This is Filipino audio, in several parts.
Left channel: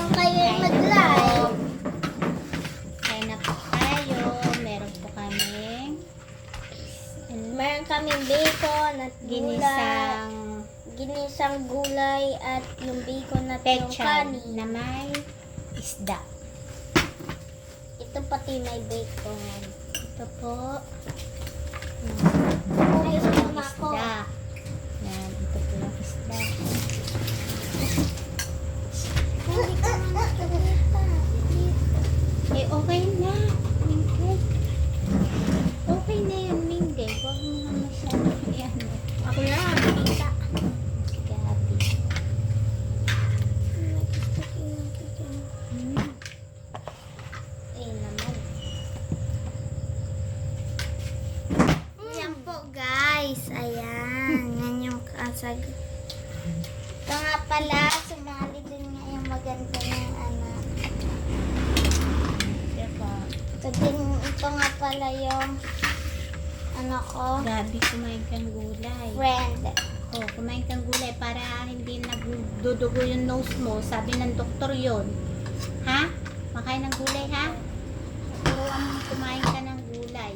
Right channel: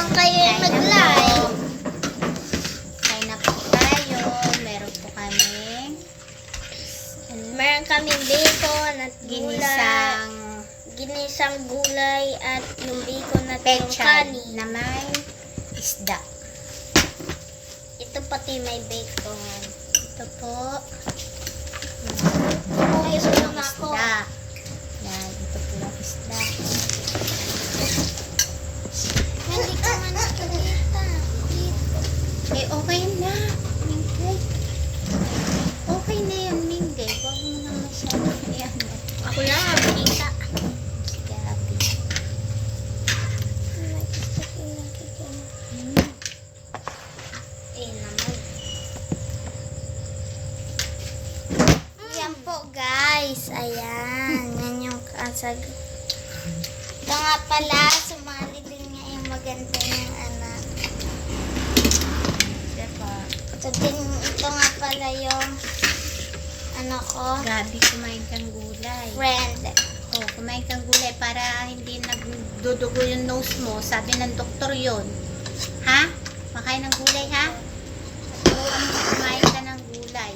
naman kayo mag-live. Kain na po tayo. Meron po kaming Meron kaming bacon at ginisang gulay at yung bacon at yung pechay kanin. na may isda. Ito pati may bacon. Ito po. Ay, Ito yung na ako. isda. Yan, ito po yung isda. Hindi ka man nakikita. Eh, okay na. Minggay. Okay na yan, Minggay. Huwag mo na masyadong ano. Ako na, nakikita. Si Gabi. Eh naman. Yan po guys. Ayan. Yan yung kasag. Ito nga pala, sumali din nga yung maganda niyang anak. Diba? Ito nga pala yung ano ko, Gabi, kumain kang gulay. friend. Oh, kumain kang gulay para hindi nagdudugo yung nose mo. Sabi ng doktor yon. Ha? Makain ng gulay, ha? Turuan mo kumain ka ng gulay.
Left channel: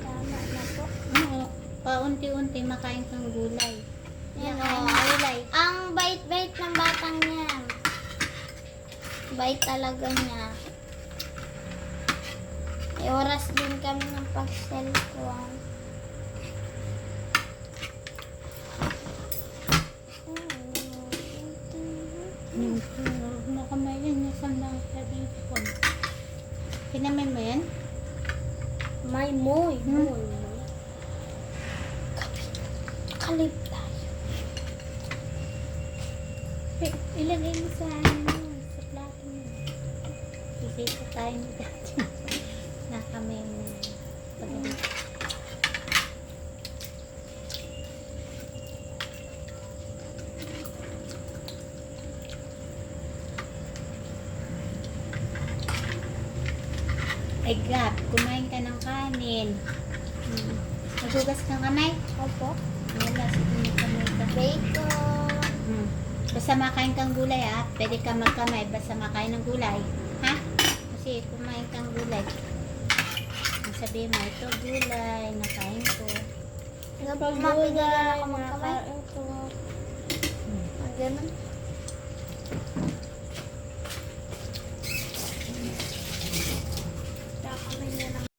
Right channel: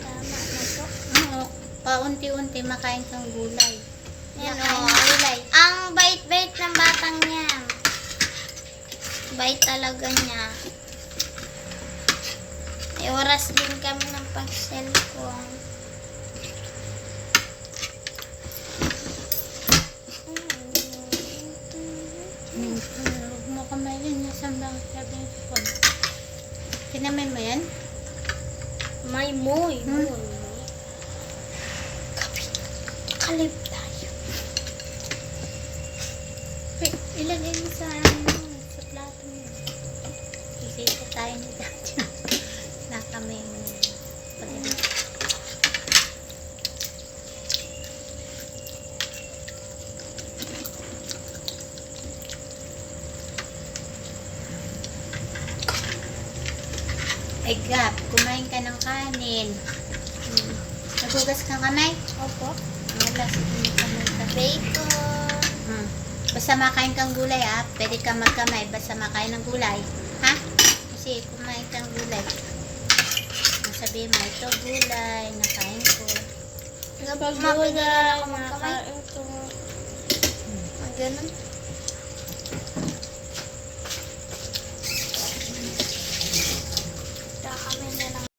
Tama na po. Oo. Paunti-unti makain kang gulay. Yan Makain o. ng gulay. Ang bait-bait ng batang niya. Bait talaga niya. May oras din kami ng pag-cellphone. Huwag mo kamayin niya sa mga sabi ng phone. Kinamin mo yan? May moy. Hmm? Kalib tayo. Wait, ilagay mo sa sa plato mo. Kisita tayo ni Dati. Na kami pag-ibig. Ay, Gab, kumain ka ng kanin. Nagugas kang kamay? Opo. Wala, sige mo kamay ka. Bacon. Basta makain kang gulay, ha? Pwede ka magkamay, basta makain ng gulay. Ha? Kasi kumain kang gulay. Sabi mo, ito gulay, nakain ko. Mapagulay ako magkamay. Ganun.